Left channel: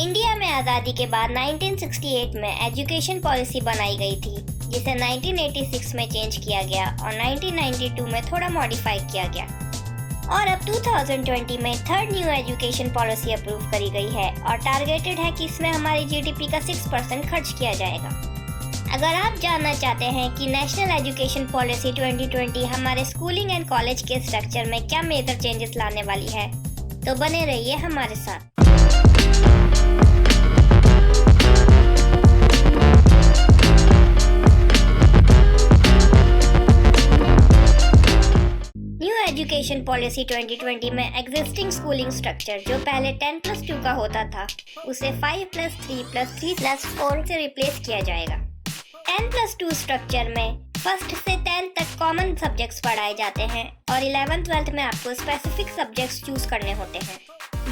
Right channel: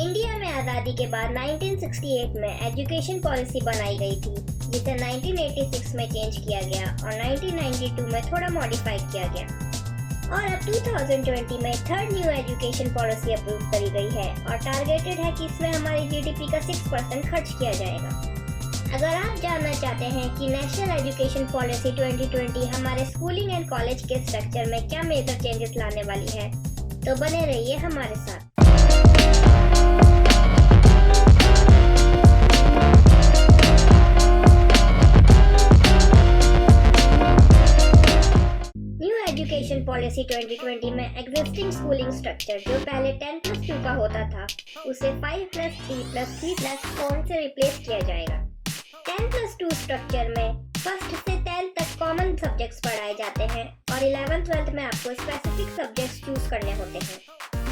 India में आज़ादी के बाद 1968 में एजुकेशन पॉलिसी बनाई गई थी, जिसे 1986 में चेंज किया गया और 1992 में थोड़ा मॉडिफाई किया गया और अब 2020 में third new education policy approve करी गई है और टारगेटेड है कि इसमें हमारी जीडीपी का 6% खर्च किया जाएगा। अगर आप जानना चाहते हैं कि नेशनल एजुकेशन पॉलिसी 2020 हमारे स्कूलिंग एंड कॉलेज के स्ट्रक्चर में क्या मेजर चेंजेस लाने वाली है, तो बने रहिए हमारे साथ। एजुकेशन पॉलिसी 2020 में एग्जिस्टिंग स्कूलिंग स्ट्रक्चर जो पहले 10+2 का होता था, उसे 5+3+3+4 से रिप्लेस किया जाएगा। 10+2 स्ट्रक्चर में फर्स्ट से 10th तक कॉमन सब्जेक्ट्स पढ़ाए जाते हैं और 11th-12th में आपको स्पेसिफिक सब्जेक्ट्स चूज करने होते हैं।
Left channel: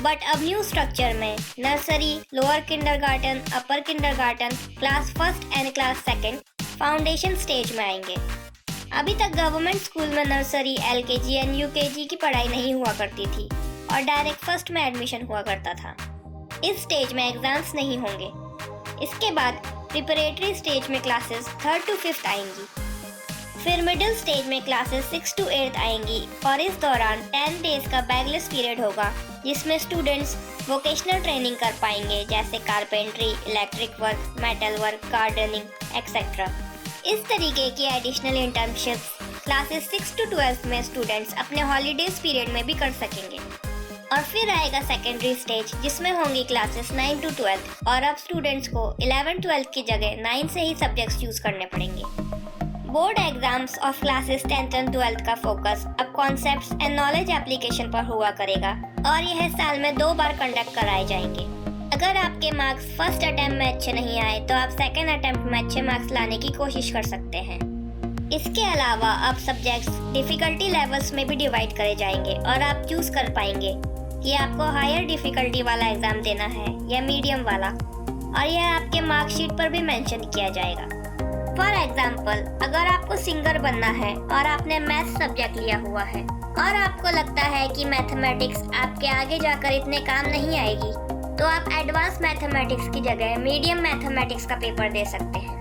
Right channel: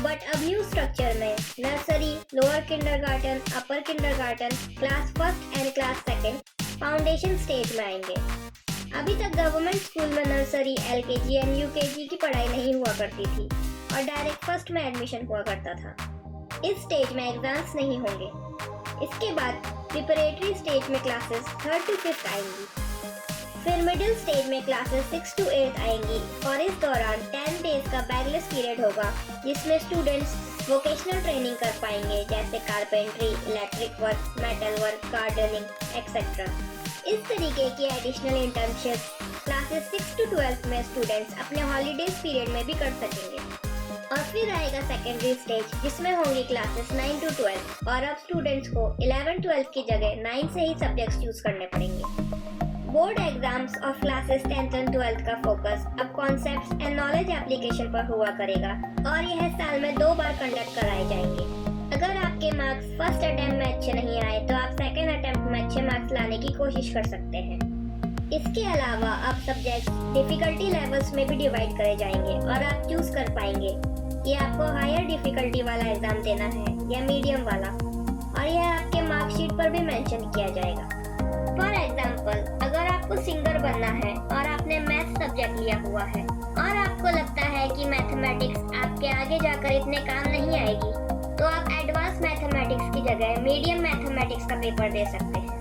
बट अब न्यू स्ट्रक्चर में nursery, lower kindergarten, upper kindergarten, class first and class second foundation stage में आएंगे। अभी तक गवर्नमेंट स्कूल में नर्सरी, एलकेजी एंड यूकेजी की पढ़ाई नहीं हुआ करती थी और डायरेक्ट फर्स्ट में एडमिशन हुआ करता था। इस स्टेज में एग्जाम्स नहीं होंगे। इसके बाद प्रिपरेटरी स्टेज में क्लासेस 3rd to 5th आएंगी, फिर मिडिल स्टेज में क्लासेस 6th to 8th आएंगी और इस दौरान 10 डेज का बैगलेस पीरियड होगा, जिसमें स्टूडेंट्स वोकेशनल ट्रेनिंग कर पाएंगे, जैसे carpentry, electric work, metal work, gardening etcetera. इस तरीके की एडिशनल इंटर्नशिप क्लासेस 6 to 12 में स्टूडेंट्स अपने हॉलीडेज पीरियड में भी कर सकेंगे। और फिर आएगा सेकेंडरी स्टेज, जिसमें होंगी क्लासेस 9 to 12 और अब स्टूडेंट्स को 11th-12th की जगह 9 से ही सब्जेक्ट्स चूज करने पड़ेंगे। बोर्ड एग्जाम्स और क्लासेस 10th and 12th का फोकस अब कॉन्सेप्ट्स एंड नॉलेज एप्लीकेशन पर हुआ करेगा और यह साल में 2 बार कंडक्ट कराए जाएंगे। अगर आपके मार्क्स फर्स्ट अटेम्प्ट में अच्छे नहीं आए तो आप सेकेंड अटेम्प्ट में अच्छे मार्क्स लाने की कोशिश कर सकते हैं। इसके अलावा अब सब्जेक्ट्स डिफिकल्टी लेवल्स में भी डिवाइड करे जाएंगे और आप चूज कर पाएंगे कि आपको हायर डिफिकल्टी वाला एग्जाम देना है या मीडियम वाला, और यह आपके मार्कशीट पर भी मेंशन किया जाएगा। फॉर एग्जाम्पल, अगर आपको सिंगर बनना है और आपने मैथ सब्जेक्ट लिया हुआ है और आपको लगता है कि मैथमेटिक्स आपके आगे जाकर इतने काम नहीं आएगी, तो आप एडवांस मैथमेटिक्स की जगह मीडियम मैथमेटिक्स का पेपर दे सकते हैं।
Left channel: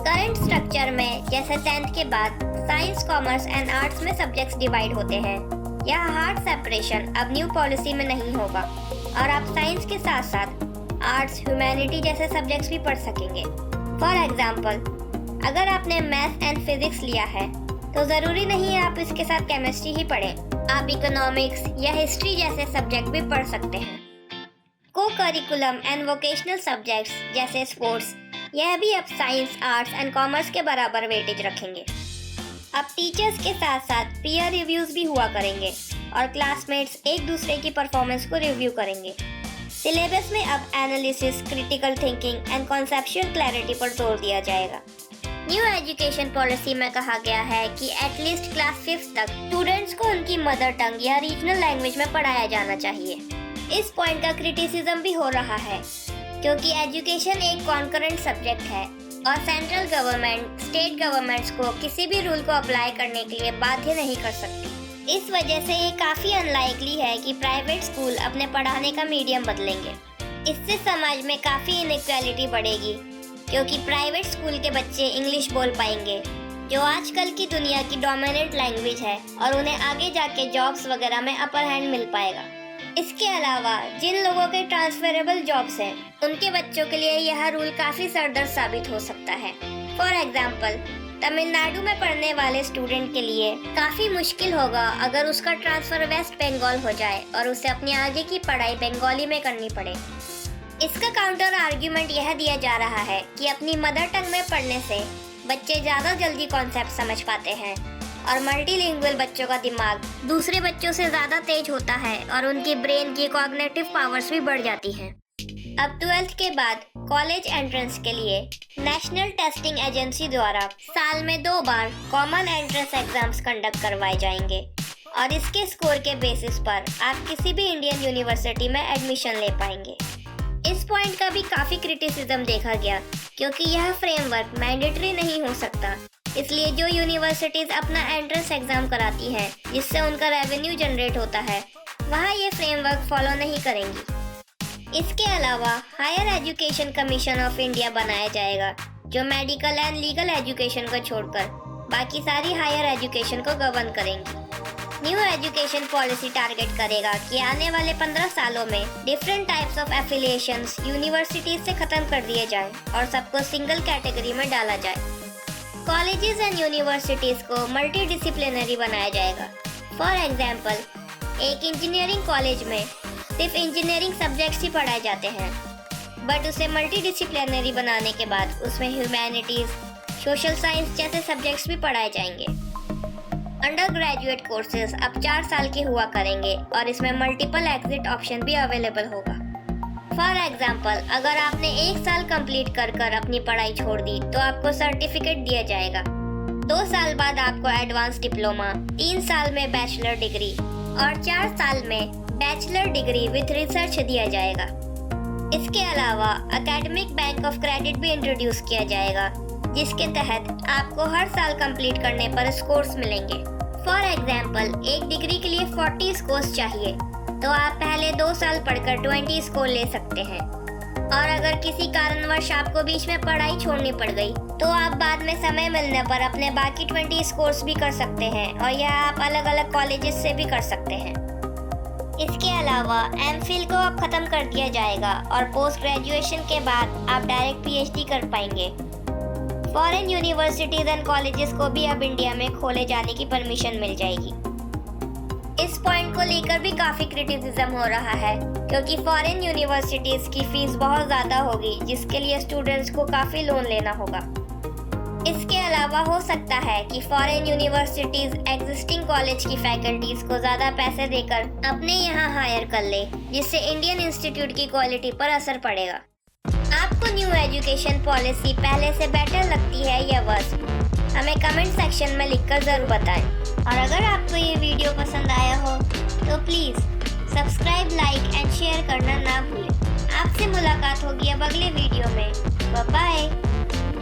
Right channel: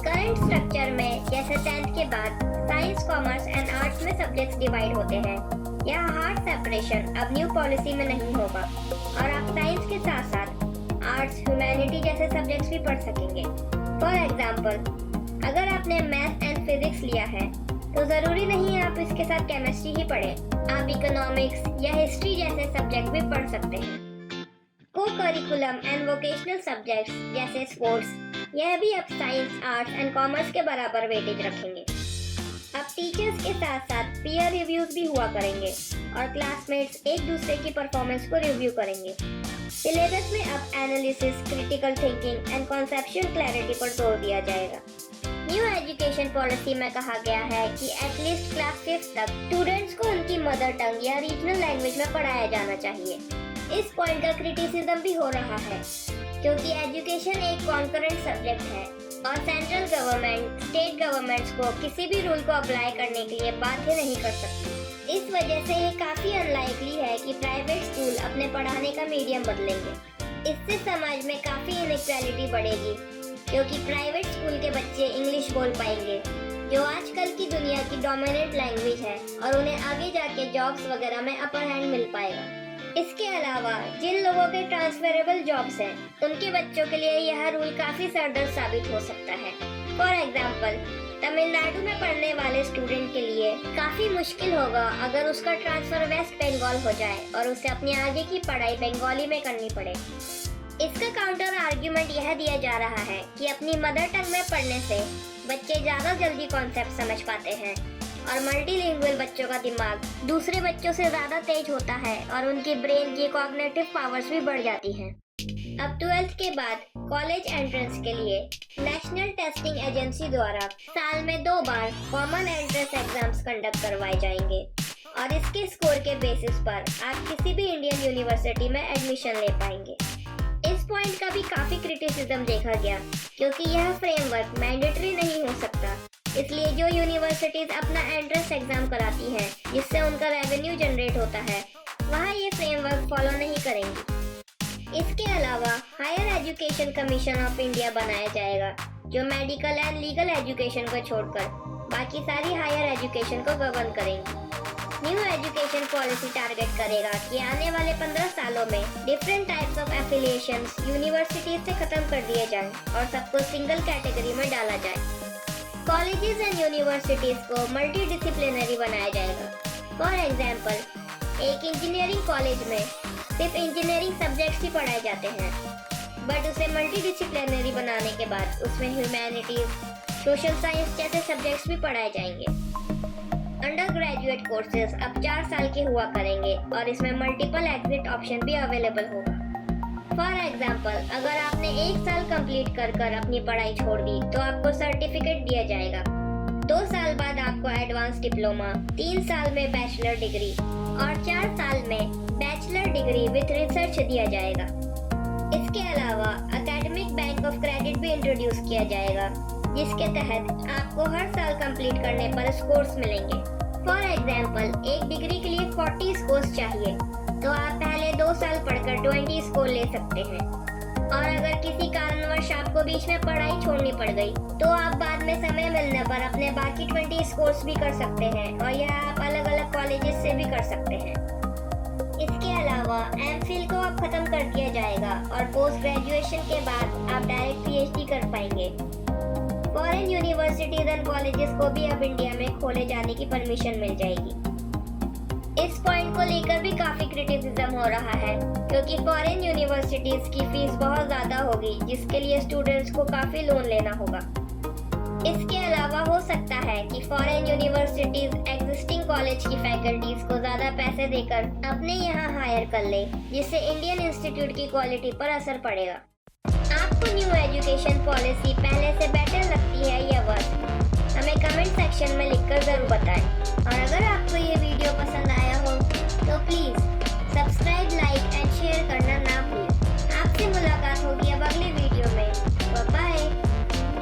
करंट स्ट्रक्चर में जैसे 10th के बाद साइंस, कॉमर्स एंड आर्ट्स में सब्जेक्ट्स डिवाइड होते हैं, यह हार्ड सेपरेशन अब न्यू पॉलिसी में नहीं होगा और आप साइंस के साथ साथ आर्ट्स, ह्यूमैनिटी जैसे सब्जेक्ट्स भी पढ़ सकेंगे। फॉर एग्जाम्पल, अगर आपने मैथ एंड फिजिक्स लिया है तो जरूरी नहीं है आप इसके साथ केमिस्ट्री ही पढ़ें, आप इकोनॉमिक्स या हिस्ट्री जैसे सब्जेक्ट भी पढ़ सकते हैं। को करिकुलम एंड वोकेशनल सब्जेक्ट्स जैसे स्पोर्ट्स, यह भी अब साइंस, आर्ट्स एंड कॉमर्स के बराबर वेटेज रखेंगे। अब टीचर्स के साथ साथ पीयर रिव्यूज भी हुआ करेंगे और क्लासमेट्स एक दूसरे की परफॉर्मेंस को रिव्यू करेंगे। सिलेबस में अब analysis, critical thinking and conceptual clarity पर जोर दिया जाएगा। न्यू एजुकेशन पॉलिसी में कहा गया है कि एटलीस्ट क्लास 5th तक स्टूडेंट्स को उनकी मदर टंग या रीजनल लैंग्वेज में पढ़ाया जाना चाहिए। इस पॉइंट का क्रिटिसिज्म भी हो रहा है क्योंकि एजुकेशन एक कॉन्करेंट सब्जेक्ट है और सेंट्रल गवर्नमेंट स्टेट गवर्नमेंट्स को किसी भी रूल को अप्लाई करने के लिए बाध्य नहीं कर सकती। इस वजह से ये काफ़ी अनलाइकली है कि प्राइवेट स्कूल अपने पढ़ाने का मीडियम बदलेंगे। इससे समाज में काफ़ी इनइक्वालिटी बढ़ेगी क्योंकि प्राइवेट स्कूल के बच्चे इंग्लिश बोल पाएंगे, जो आजकल की दुनिया की डोमिनेंट लैंग्वेज है, और उन्हें आगे जाके जॉब्स वगैरह में अपर हैंड मिल पाएगा। इसके अलावा जिन लोगों के ट्रांसफरेबल जॉब्स हैं, उनके बच्चों के लिए यह रूल काफ़ी सरदर्द साबित हो सकता है। फॉर एग्जाम्पल, तमिलनाडु में पढ़ने वाले स्टूडेंट के लिए काफ़ी मुश्किल होगा अगर उसका ट्रांसफर वेस्ट बंगाल हो जाए और उसे अपनी आगे की पढ़ाई बंगाली में करनी पड़े। इसका काउंटर आर्ग्यूमेंट यह दिया जा रहा है कि अपनी मदर टंग में पढ़ने से बच्चे ज़्यादा जल्दी कॉन्सेप्ट समझ पाते हैं और मल्टीलिंगुअल बच्चों का दिमाग दूसरे बच्चों से ज़्यादा तेज होता है और उनकी ब्रेन की कॉग्निटिव पावर्स भी बढ़ जाती हैं। अब 12th के बाद कॉलेज एंट्रेंस के लिए नेशनल टेस्टिंग एजेंसी द्वारा साल में 2 बार कॉमन एंट्रेंस एग्जाम्स कंडक्ट करवाए जाएंगे और इसके स्कोर के बेसिस पर आप किसी भी इंडियन यूनिवर्सिटी में एडमिशन ले पाएंगे। इस पॉइंट का भी काफ़ी क्रिटिसिज्म देखा गया क्योंकि यह फ्रेमवर्क मैंडेटरी नहीं हो सकता, इसलिए जो यूनिवर्सिटीज अपना एंट्रेंस एग्जाम कराती है जिससे उनका रेवेन्यू जनरेट होता है, वहाँ ये फ्रेमवर्क फॉलो नहीं करेंगी। इसके अलावा higher education commission of India बनाया जाएगा, जो मेडिकल एंड लीगल एजुकेशन को छोड़कर बाकी सारी हायर एजुकेशन को गवर्न करेंगी। न्यू एजुकेशन पॉलिसी टारगेट करेगा कि आने वाले 15 सालों में different types of affiliations universities से खत्म कर दिए जाएं और सबको सिंगल कैटेगरी में डाला जाए। कॉलेजेस एंड यूनिवर्सिटीज को मल्टी डिसिप्लिनरी बनाया जाएगा। फॉर एग्जाम्पल, एक इंजीनियरिंग कॉलेज में सिर्फ इंजीनियरिंग सब्जेक्ट्स ही पढ़ाए जाते हैं, बट उसे मल्टी डिसिप्लिनरी बनाने के बाद उसमें ह्यूमैनिटीज, सोशल साइंस जैसे सब्जेक्ट्स भी पढ़ाए जाएंगे। अंडर ग्रेजुएट कोर्सेज अब 4 साल की हुआ करेंगे और इसमें मल्टीपल एग्जिट ऑप्शन भी अवेलेबल होगा। फॉर एग्जाम्पल, अगर आपने 1 साल कंप्लीट कर अपनी पढ़ाई छोड़ दी तो आपको सर्टिफिकेट दिया जाएगा। 2 साल बाद आपको एडवांस डिप्लोमा, 3 साल में बैचलर डिग्री और 4 साल में बैचलर डिग्री विथ रिसर्च दिया जाएगा। इसके अलावा एकेडमिक बैंक ऑफ क्रेडिट भी इंट्रोड्यूस किया जाएगा, जिसके तहत आपको हर साल कंप्लीट करने पर स्कोर्स मिलेंगे। फॉर एग्जाम्पल, एक डिग्री के लिए 40 स्कोर्स चाहिए, तो आप पहले 2 साल पढ़कर 20 स्कोर ले सकते हैं। और अगर किसी कारणवश आपको बीच में पढ़ाई छोड़नी पड़ गई, तो आप बाद में समय मिलने पर अपने बाकी 20 स्कोर्स भी कर सकते हैं और यह आप अलग अलग कॉलेजेस से भी कर सकते हैं। इसके अलावा एमफिल को अब खत्म कर दिया जाएगा और पोस्ट ग्रेजुएशन के बाद आप डायरेक्ट पीएचडी कर पाएंगे। फॉरेन यूनिवर्सिटीज एंड कॉलेजेस को भी अब इंडिया में खोले जाने की परमिशन मिल जाएगी। इस पॉइंट को लेकर भी काफी क्रिटिसिज्म हो रहा है, क्योंकि फॉरेन यूनिवर्सिटीज की फीस बहुत ज्यादा होगी, जिसके लिए स्टूडेंट्स को काफी लोन लेना होगा। इसके अलावा हो सकता है कि फॉरेन यूनिवर्सिटीज एग्जिस्टिंग कॉलेज की फैकल्टीज को ज्यादा पैसे देकर अपने यहाँ हायर कर ले, जिससे इंडियन इंस्टीट्यूट की क्वालिटी पर असर पड़ेगा। आपको न्यू एजुकेशन पॉलिसी पहले से